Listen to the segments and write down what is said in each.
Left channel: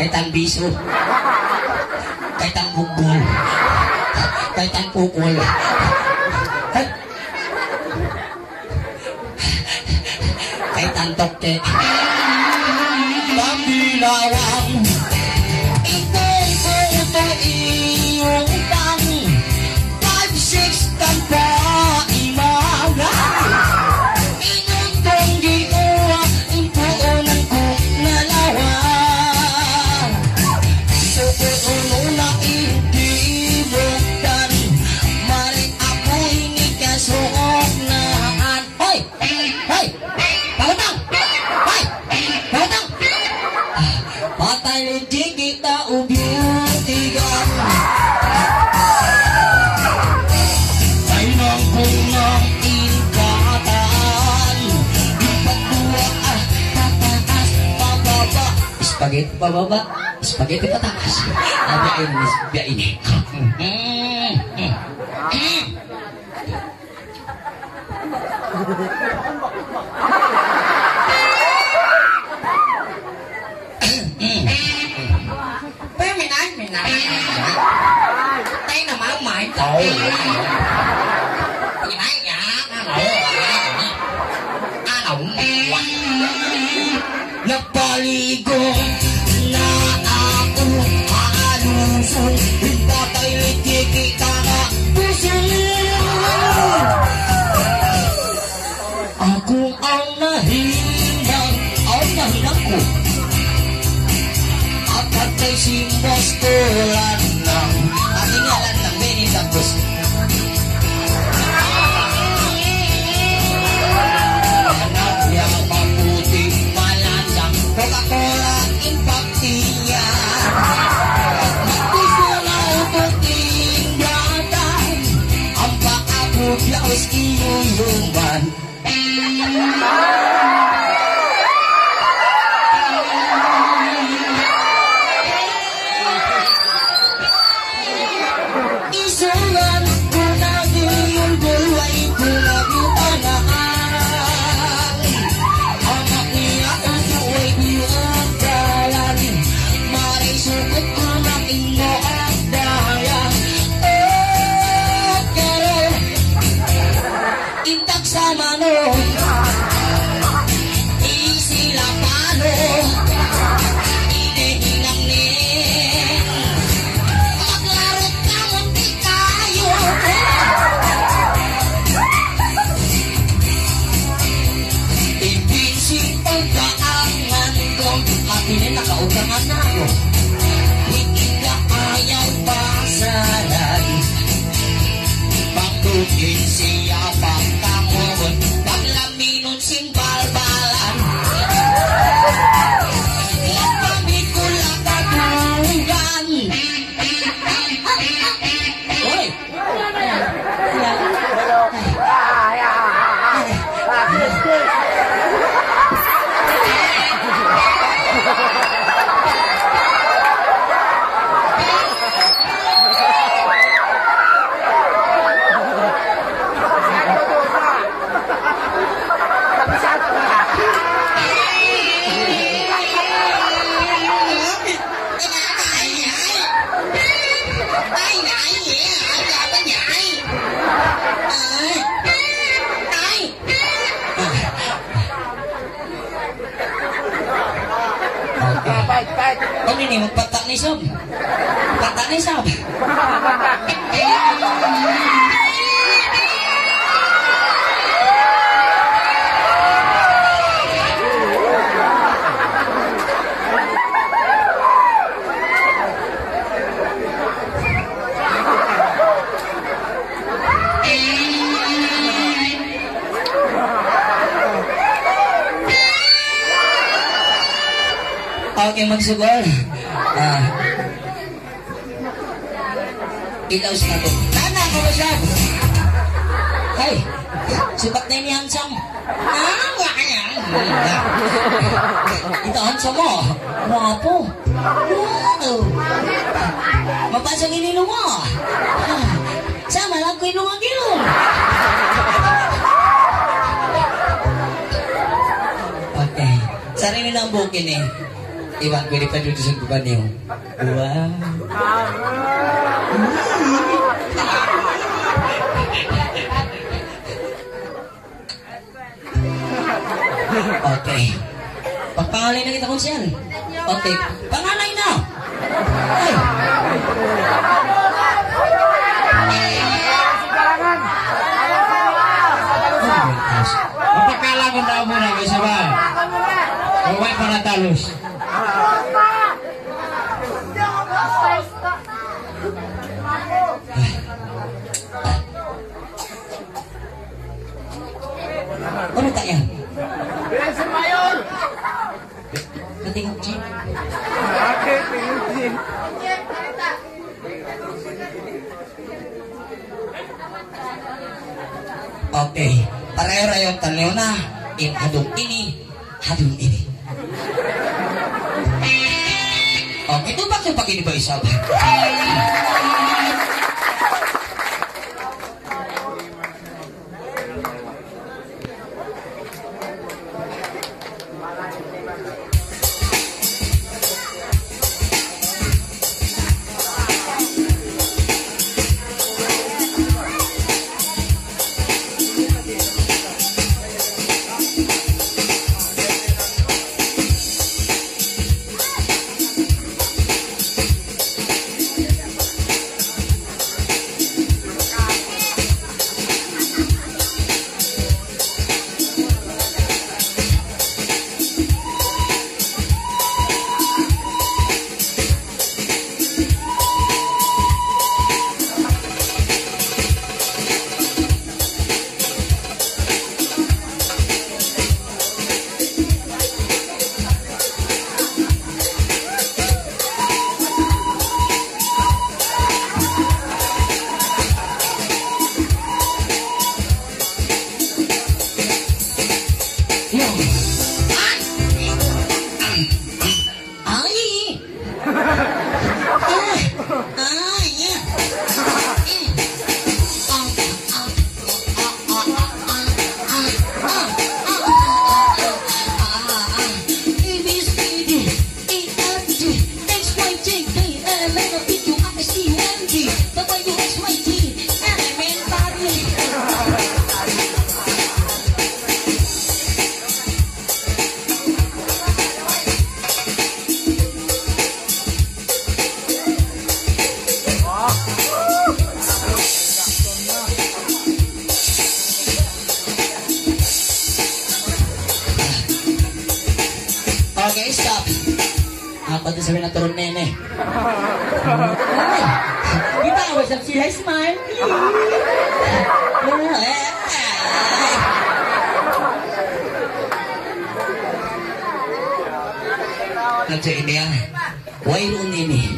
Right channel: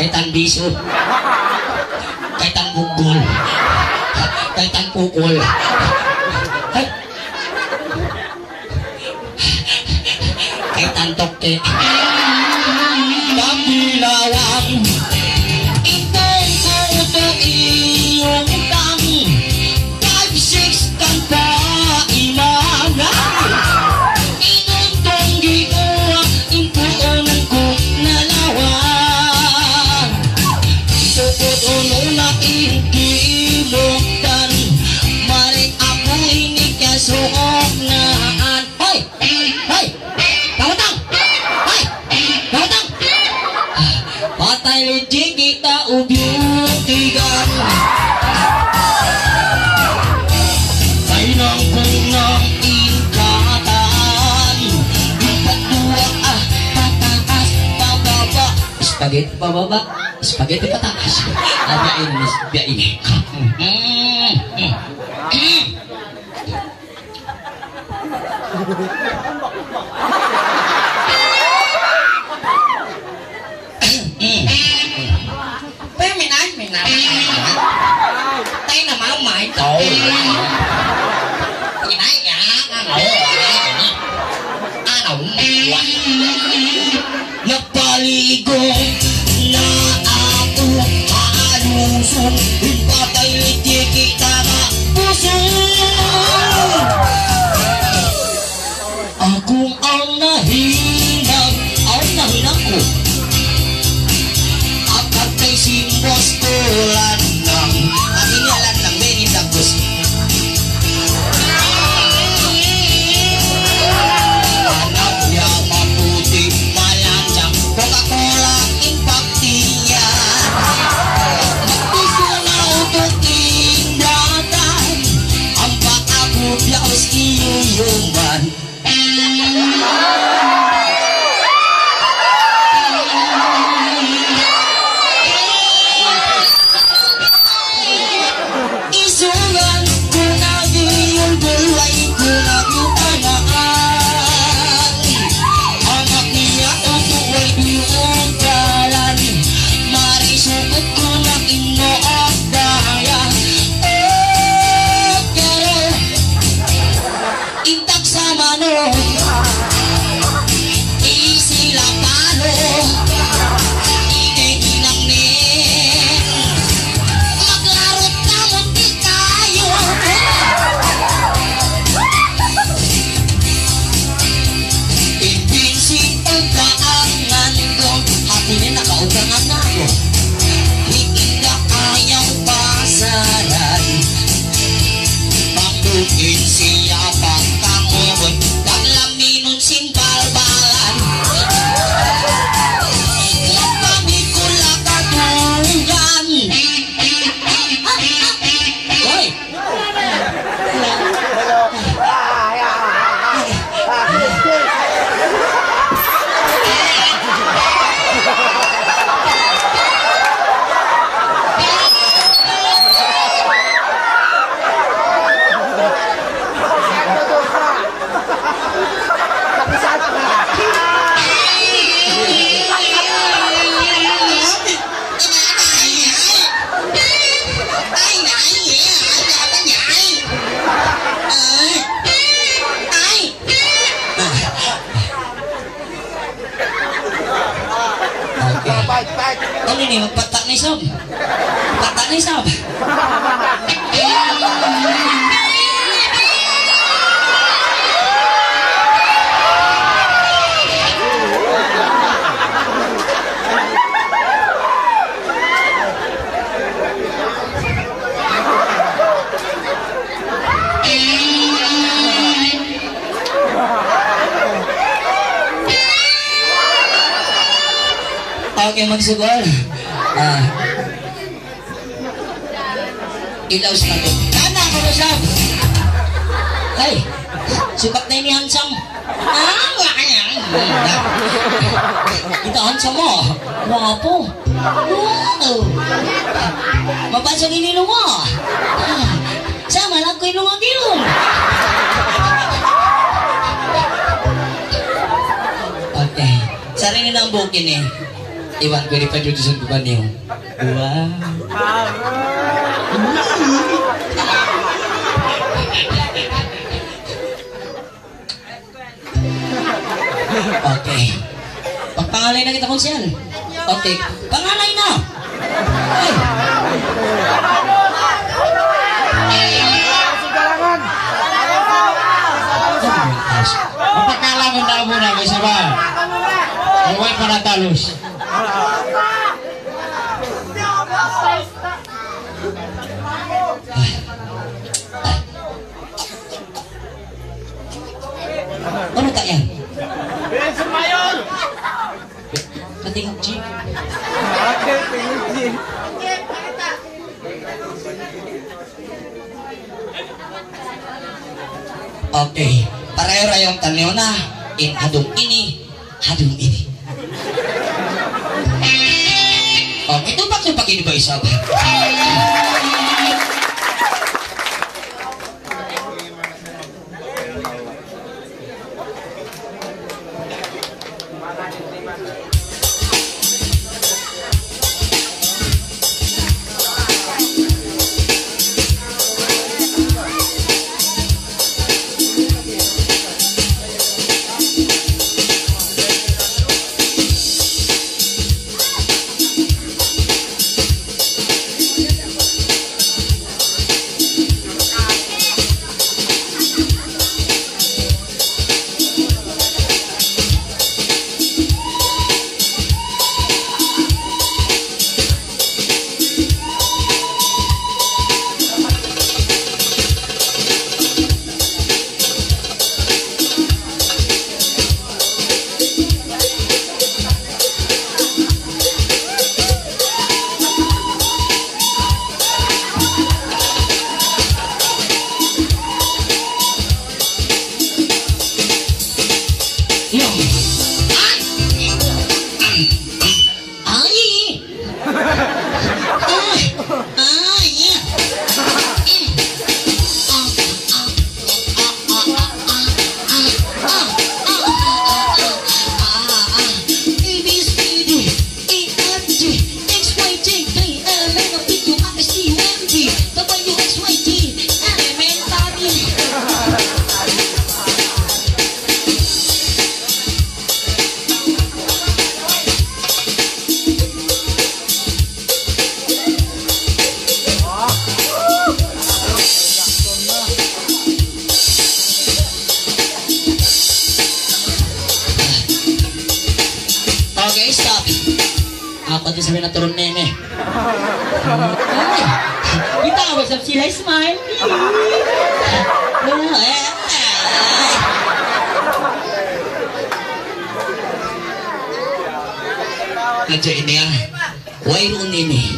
Kaitan biso. Kaitan bugol. Kaitan pukul. Kaitan toke. Pambilawang ikaw ko ito iyong tang 5-6 tanpa imagan inutong giuwa impuon ko nalawang sukot unong na intibuktan maring ako inikasuok naan. Hoy! Hoy! Pangutang! Hoy! Pangutang! Patay di kita ubyutigan ay nang kunang ingkatan ipadua pataas pababa spaghetti pababa spaghetti pataas biya ini tay là máu mày trời gì đấy dạ napaligo na ako haluson patay di kita nga puso akong ang nahinang ko at kay simbos ko landang aking landang Benitagos anak yang maputi malancang Coca-Cola impaktinya gusto na untuk tindakan ampak ako biyaos iyuman isungan ko na yung bulay ko na yung anaan ang akia ako ay biyong kalan marisukot ko na inoak daya pero intak sa mano isilapano inehinang nin maglarot na munti tayo ibinsin ang kaangan ko hatinin nakaugangan na ko hikinda ayaw pasaran pangdukin siya pagkamuhon paglaminon simbalbalan ilang pamikula katugan Hoy! Kau ini patak ni sob, patak ni sob. Oke magsugol. Ilaw sa natin. Kana ako na siya. Hey, sukat na ini handsome. Wala kanya. Ito handsome mo. Wapo. Wow. Mapasok inilong mo. Sama lang ko ilong ang ilong. Okay. Sarili na ang bukin eh. Iwan ko pa dito sa bukan niyo. Wow. Okay. Pagpangalay na kita konsyal. Okay. Pangalay na. Ay. Mapakalangan na mo na may sabay. Huwag pa natalos. Ano tak yan? Bensin Mayor! Katingok G. Okay, tingin. Okay. Pareho-rayong tanaw na. In hadong ini. Hadong ini. Okay. Ito bakit pag-ini ba isa ba? Okay, stop. Apa tu sabi na turun nene? Kita awal sa sila smile. Nandiyan ini yang wairun ini.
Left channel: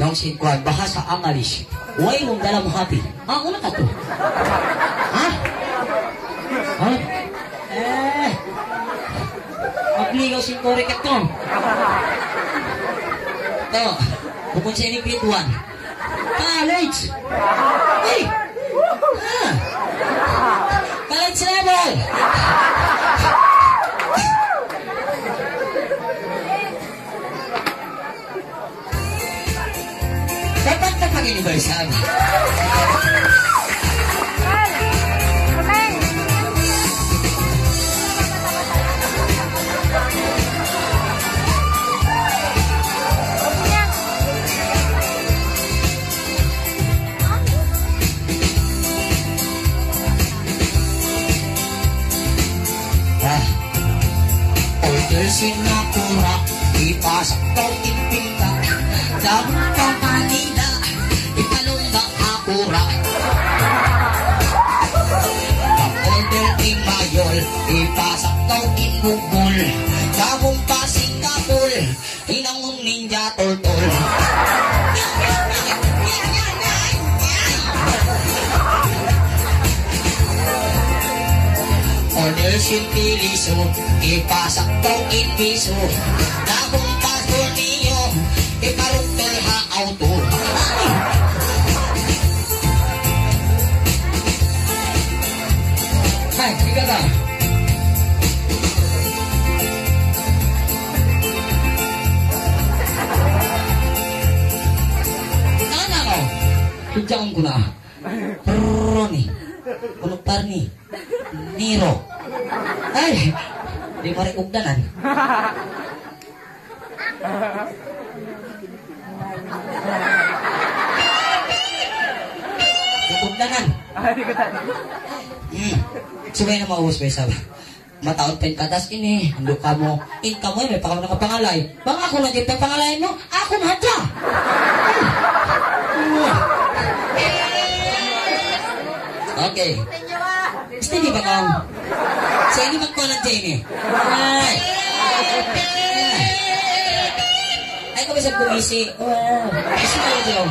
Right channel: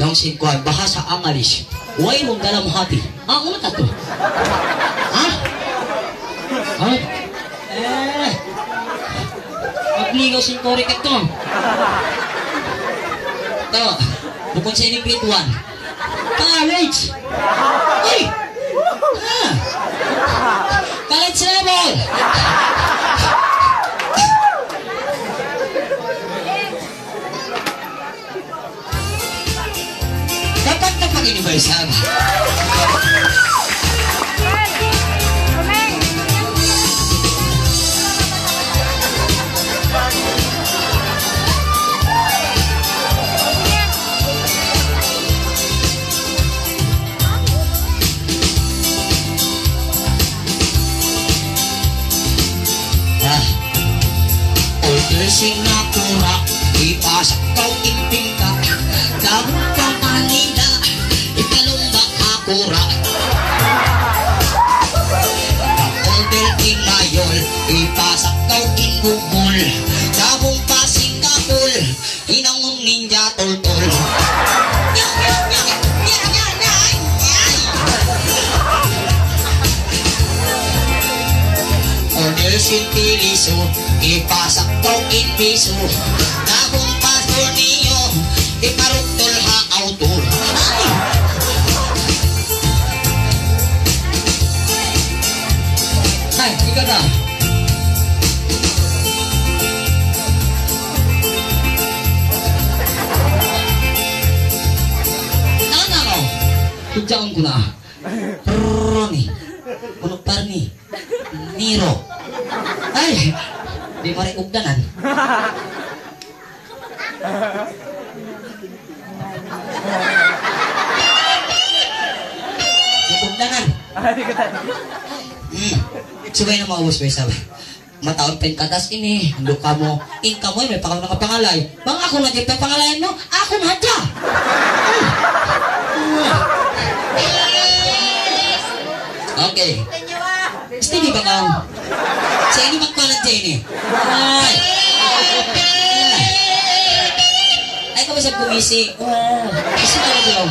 Yang singkuan bahasa English. Wairun dalam hati. Ah, ano tato? Ah? Ah? Magligaw si Korek ito. Ito, bukod sa ining grade 1. College! Uy! Ah! College level! Dapat na pag-universal. Singapura, ipasok kau impingka. Dapat ka Manila, ipalumba akura. Kapolder Imayol, ipasok kau inbubul. Dabong pa Singapur, inangung ninja tol-tol. Order sintiliso, ipasak kau inbiso. Dabong pastor niyo, iparutol ha auto. Hai, ikaw daw. Hijauan ko na. Roni. Kuno Parni. Niro. Ay, di mari ugdanan. Ugdanan. Subay na maubos ko isa ba? Mataon pen katas ini, handok ka mo, ingka mo may pakaw na kapangalay. Bang ako na dito pangalayan mo, ako madya. Okay. Steady ba ka? Sa ini magpalag dyan eh. Ay. Ay, kami siya pumisi. Kasi na lang.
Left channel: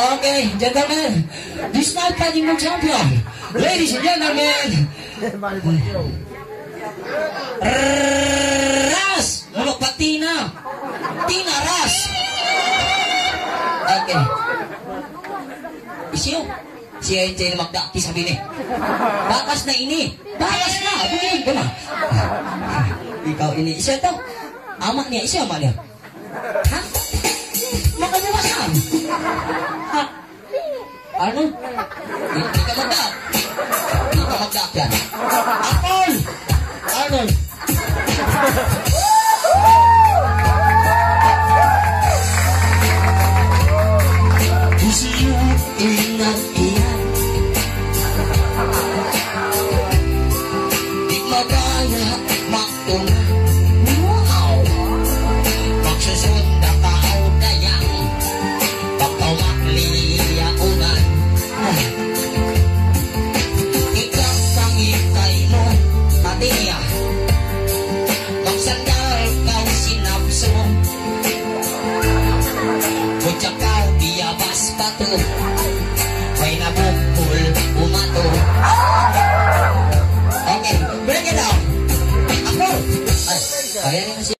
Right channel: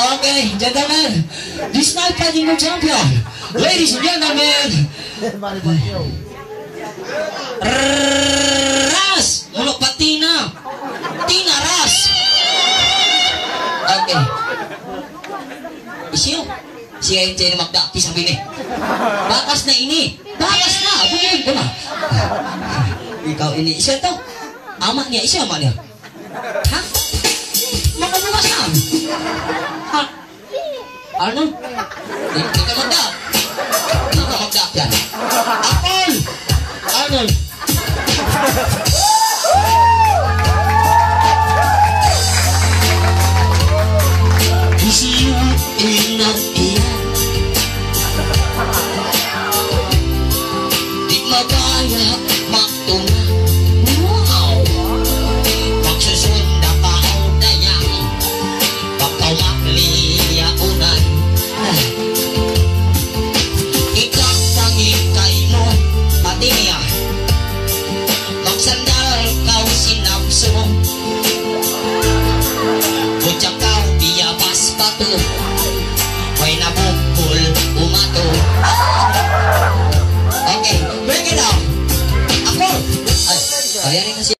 Okay, gentlemen, this night fighting no champion. Ladies and gentlemen, Ras, ulo patina, Tina Ras. Okay. Isiyo, siya yung tiyan magdaki sa bini. Bakas na ini, bakas na, bumili ko na. Ikaw ini, isa to. Ama niya, isa ama niya. Ha? Makabukas na. Ha? Ano? Hindi ka magdak. Hindi ka magdak yan. Apol! Arnold! Isiyo inang iyan. Di magaya magtunga. Wow! Magsusunda ka o dayang. Pagkamakliya unan. Ikaw pangikay mo. Pati niya. Magsandal kau sinabsong. Butsak kau iyabas pato. May nabukul umato. Okay, bring it down. Ako. Ay, ayan na siya.